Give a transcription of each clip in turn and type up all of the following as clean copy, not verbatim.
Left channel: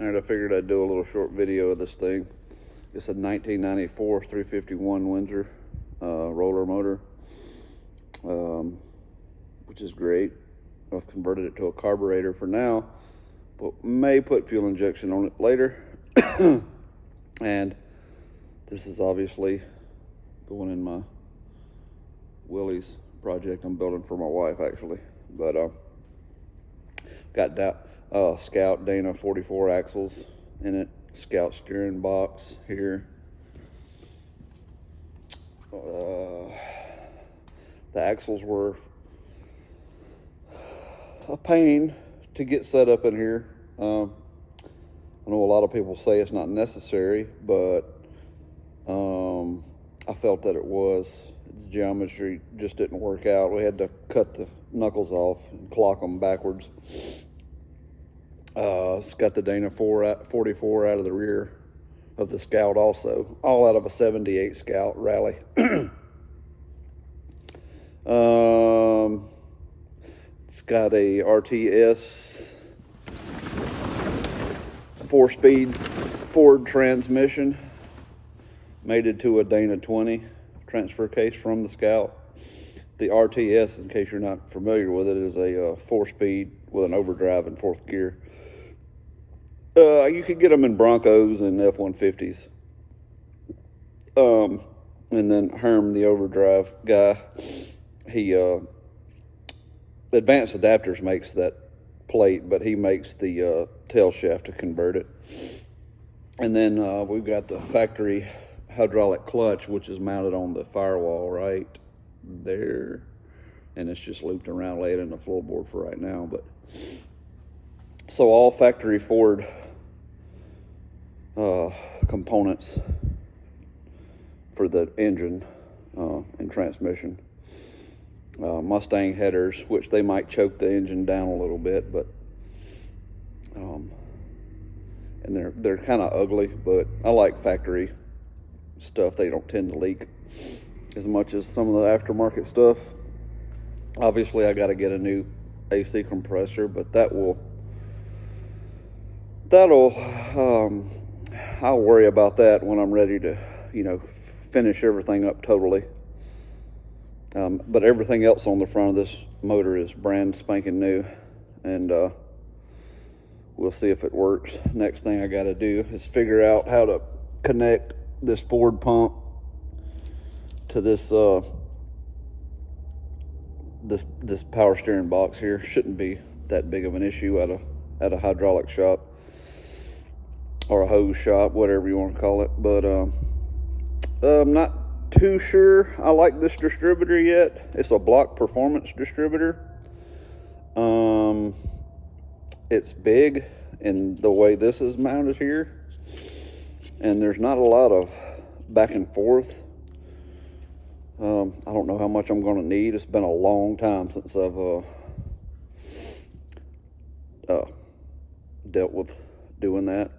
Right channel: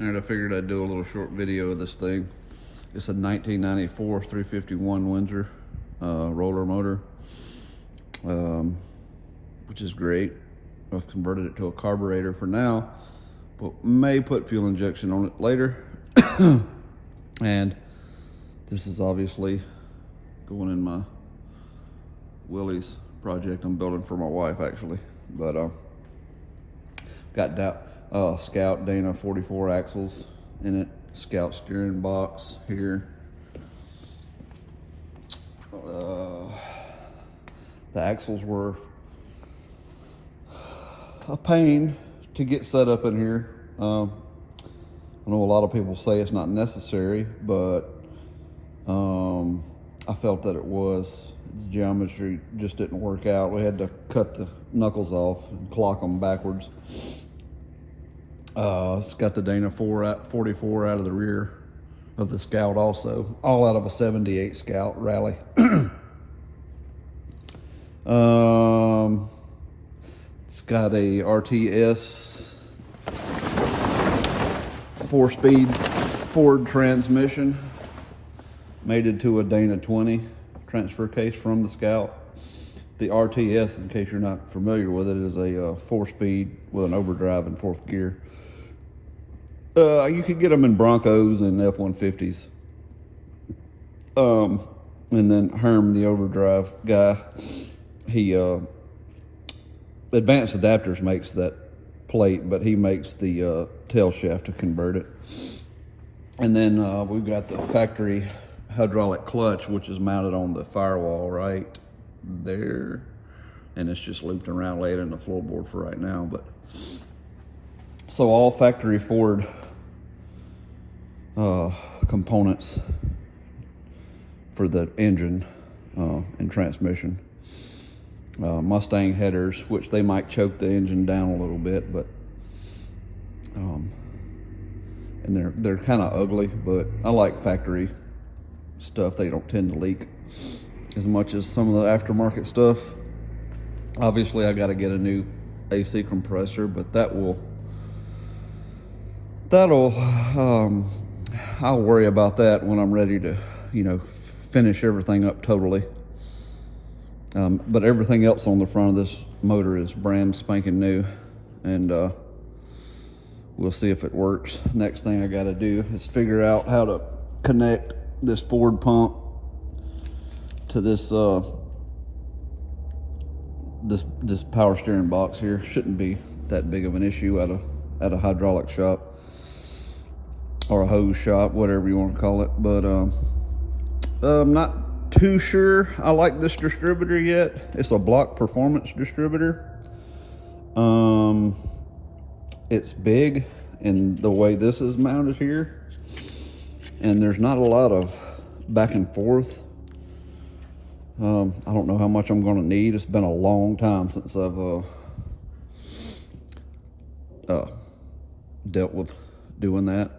And I figured I'd do a little short video of this thing. It's a 1994 351 Windsor roller motor, which is great. I've converted it to a carburetor for now, but may put fuel injection on it later. And this is obviously going in my Willys project I'm building for my wife, actually. But got that Scout Dana 44 axles in it, Scout steering box here. The axles were a pain to get set up in here. I know a lot of people say it's not necessary, but I felt that it was. The geometry just didn't work out. We had to cut the knuckles off and clock them backwards. It's got the Dana 44 out of the rear of the Scout also, all out of a 78 Scout Rally. It's got a RTS 4-speed Ford transmission mated to a Dana 20 transfer case from the Scout. The RTS, in case you're not familiar with it, is a 4-speed with an overdrive in 4th gear. You could get them in Broncos and F-150s. And then Herm, the overdrive guy, he Advanced Adapters makes that plate, but he makes the tail shaft to convert it. And then we've got the factory hydraulic clutch, which is mounted on the firewall right there, and it's just looped around, laid in the floorboard for right now. But so all factory Ford components for the engine and transmission. Mustang headers, which they might choke the engine down a little bit, but and they're kind of ugly, but I like factory stuff. They don't tend to leak as much as some of the aftermarket stuff. Obviously, I got to get a new AC compressor, but I'll worry about that when I'm ready to, finish everything up totally. But everything else on the front of this motor is brand spanking new, and we'll see if it works. Next thing I got to do is figure out how to connect this Ford pump to this this power steering box here. Shouldn't be that big of an issue at a hydraulic shop or a hose shop, whatever you want to call it. But I'm not too sure I like this distributor yet. It's a block performance distributor. It's big in the way this is mounted here, and there's not a lot of back and forth. I don't know how much I'm going to need. It's been a long time since I've dealt with doing that.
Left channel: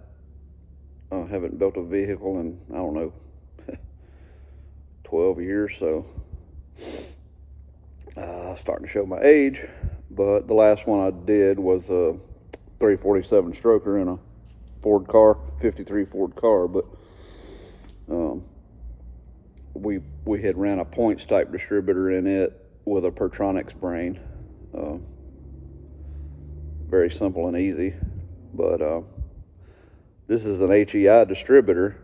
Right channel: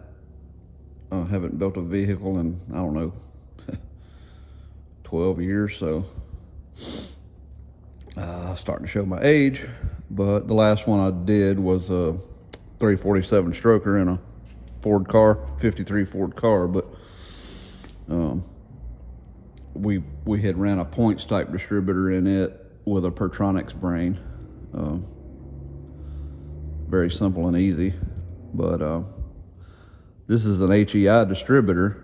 I haven't built a vehicle in, I don't know, 12 years, so starting to show my age. But the last one I did was a 347 stroker in a Ford car, 53 Ford car, but we had ran a points type distributor in it with a Pertronix brain. Very simple and easy, but this is an HEI distributor,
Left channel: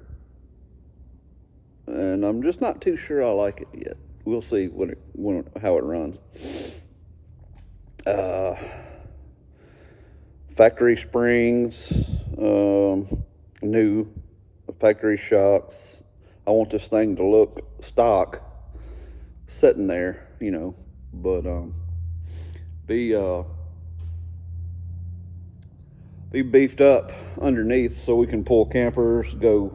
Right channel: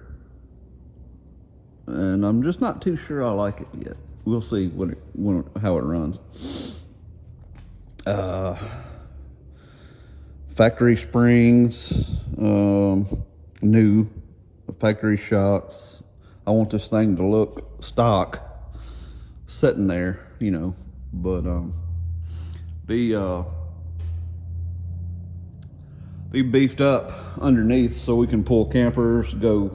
and I'm just not too sure I like it yet. We'll see how it runs. Factory springs, new factory shocks. I want this thing to look stock, sitting there, but be beefed up underneath so we can pull campers, go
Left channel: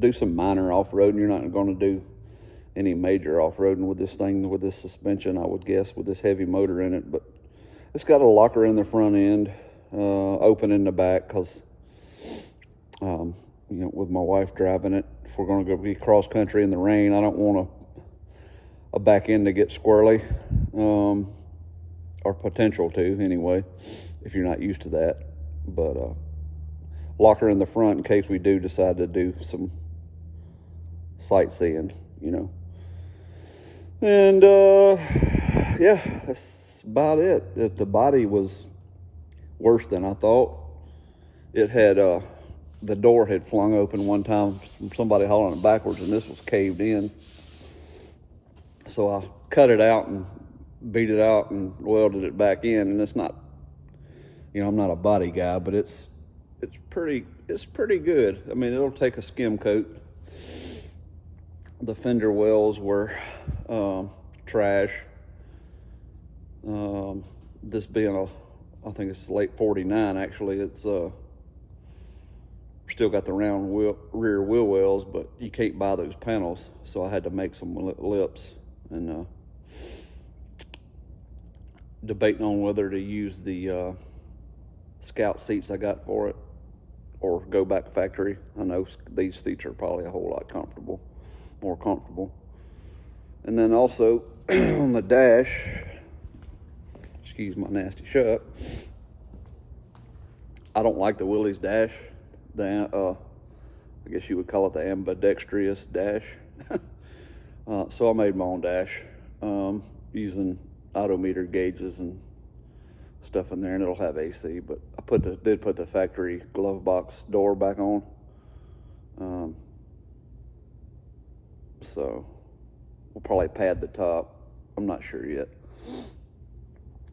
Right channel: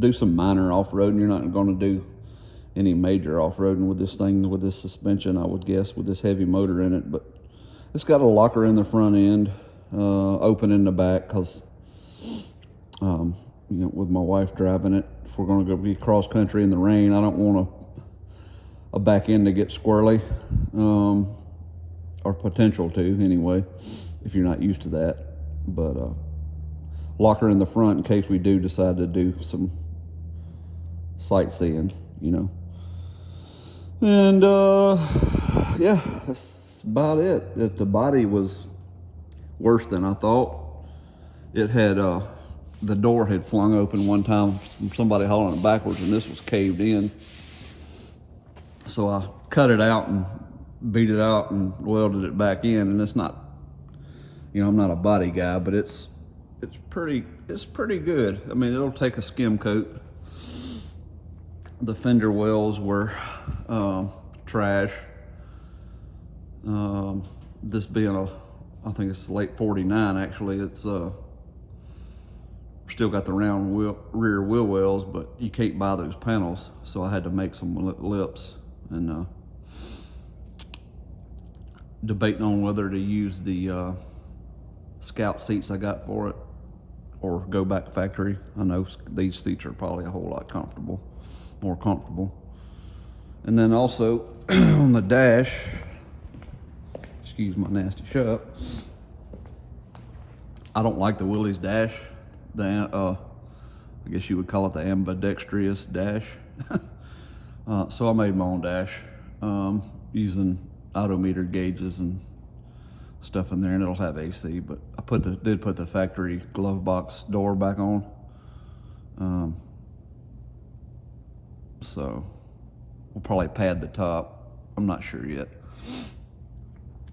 do some minor off-roading. You're not going to do any major off-roading with this thing, with this suspension, I would guess, with this heavy motor in it. But it's got a locker in the front end, open in the back, because with my wife driving it, if we're going to go be cross country in the rain, I don't want a back end to get squirrely, or potential to anyway, if you're not used to that. But locker in the front in case we do decide to do some sightseeing, you know. And yeah, that's about it. The body was worse than I thought. It had the door had flung open one time from somebody hauling it backwards, and this was caved in. So I cut it out and beat it out and welded it back in. And it's not, you know, I'm not a body guy, but it's pretty good. I mean, it'll take a skim coat. The fender wells were trash. This being I think it's late 49 actually. It's still got the round rear wheel wells, but you can't buy those panels. So I had to make some lips, and debating on whether to use the Scout seats I got for it or go back to factory. I know these seats are probably a whole lot more comfortable. And then also on the dash, excuse my nasty shut, I don't like the Willys dash. I guess you would call it the ambidextrous dash. So I made my own dash using odometer gauges and stuff in there, and it'll have AC. But I did put the factory glove box door back on. So we'll probably pad the top. I'm not sure yet.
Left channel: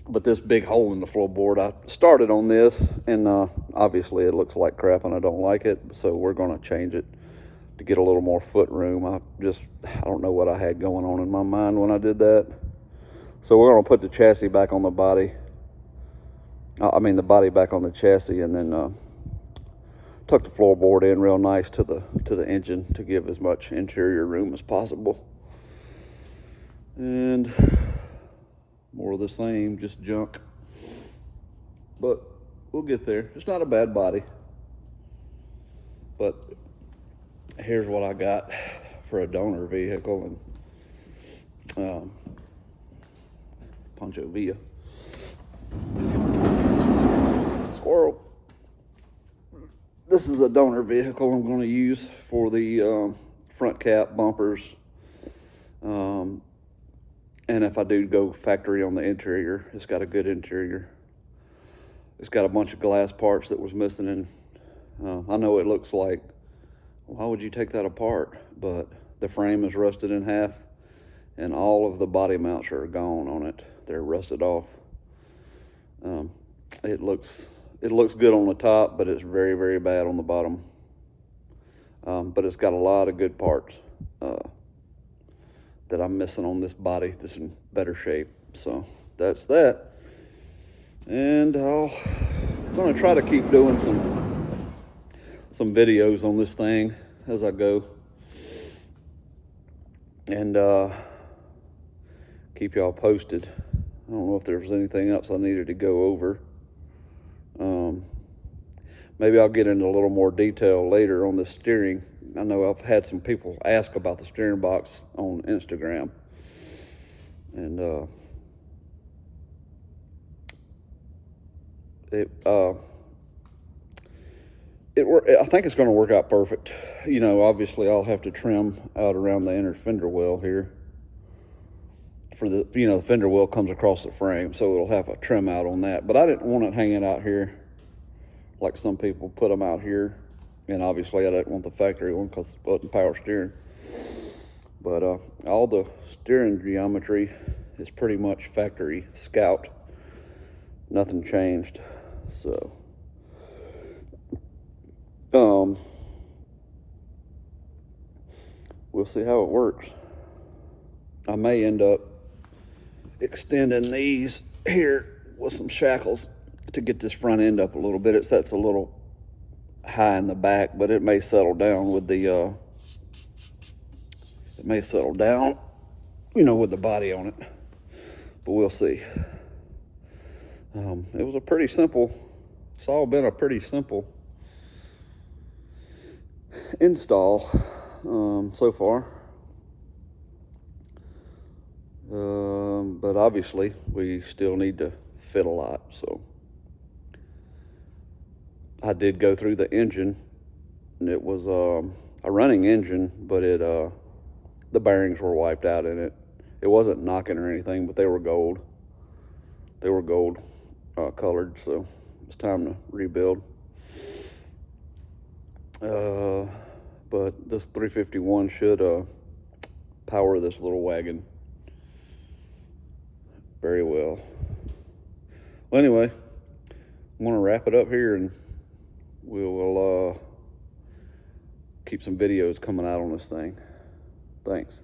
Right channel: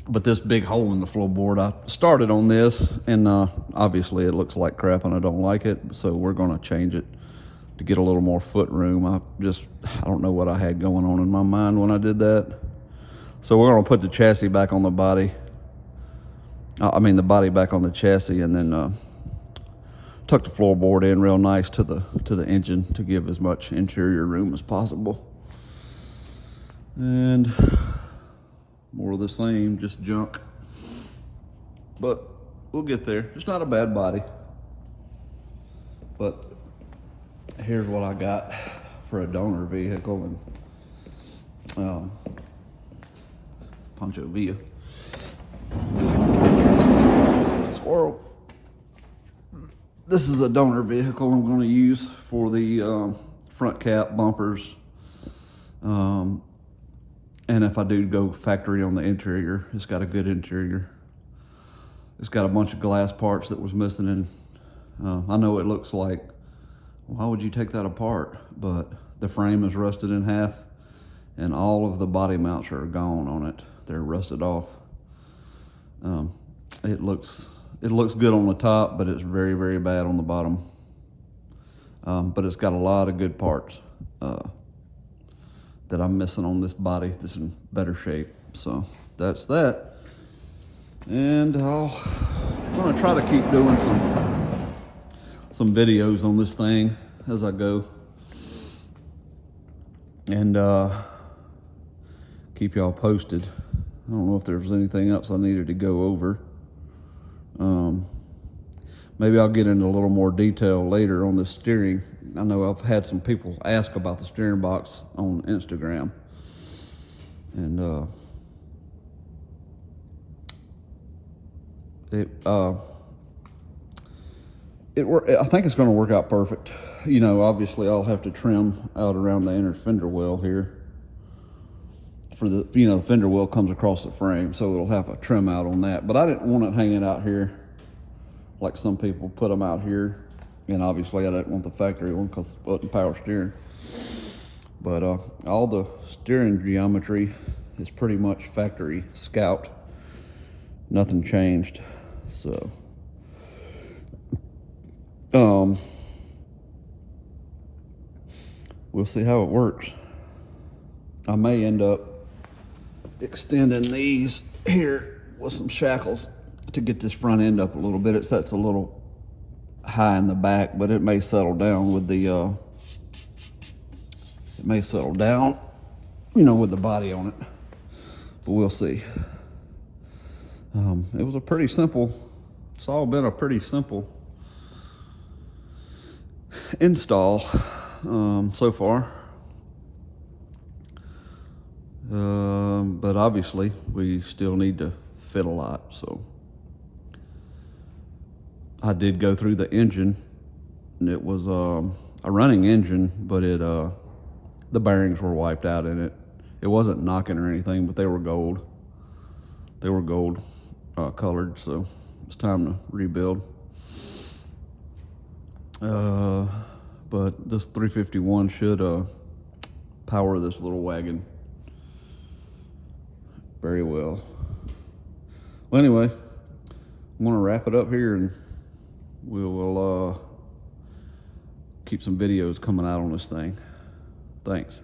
But this big hole in the floorboard, I started on this, and obviously it looks like crap and I don't like it, so we're gonna change it to get a little more foot room. I don't know what I had going on in my mind when I did that. So we're gonna put the chassis back on the body. The body back on the chassis, and then tuck the floorboard in real nice to the engine to give as much interior room as possible. And more of the same, just junk. But we'll get there. It's not a bad body. But here's what I got for a donor vehicle. And Pancho Villa. Squirrel. This is a donor vehicle I'm going to use for the front cap bumpers. And if I do go factory on the interior, it's got a good interior. It's got a bunch of glass parts that was missing, and I know it looks like, why would you take that apart? But the frame is rusted in half, and all of the body mounts are gone on it. They're rusted off. It looks good on the top, but it's very, very bad on the bottom. But it's got a lot of good parts that I'm missing on this body that's in better shape. So that's that. And I'm gonna try to keep doing some videos on this thing as I go, and keep y'all posted. I don't know if there's anything else I needed to go over. Maybe I'll get into a little more detail later on the steering. I know I've had some people ask about the steering box on Instagram, and I think it's going to work out perfect. You know, obviously I'll have to trim out around the inner fender well here. For the, the fender well comes across the frame, so it'll have a trim out on that. But I didn't want it hanging out here like some people put them out here. And obviously I didn't want the factory one because it wasn't power steering. But all the steering geometry is pretty much factory Scout. Nothing changed. So we'll see how it works. I may end up extending these here with some shackles to get this front end up a little bit. It sets a little high in the back, but it may settle down with the with the body on it, but we'll see. It was a pretty simple, it's all been a pretty simple install so far, but obviously we still need to fit a lot, so I did go through the engine, and it was a running engine, but the bearings were wiped out in it. It wasn't knocking or anything, but they were gold. They were gold colored, so it's time to rebuild. But this 351 should power this little wagon very well. Well, anyway, I'm gonna wrap it up here, and we'll keep some videos coming out on this thing. Thanks.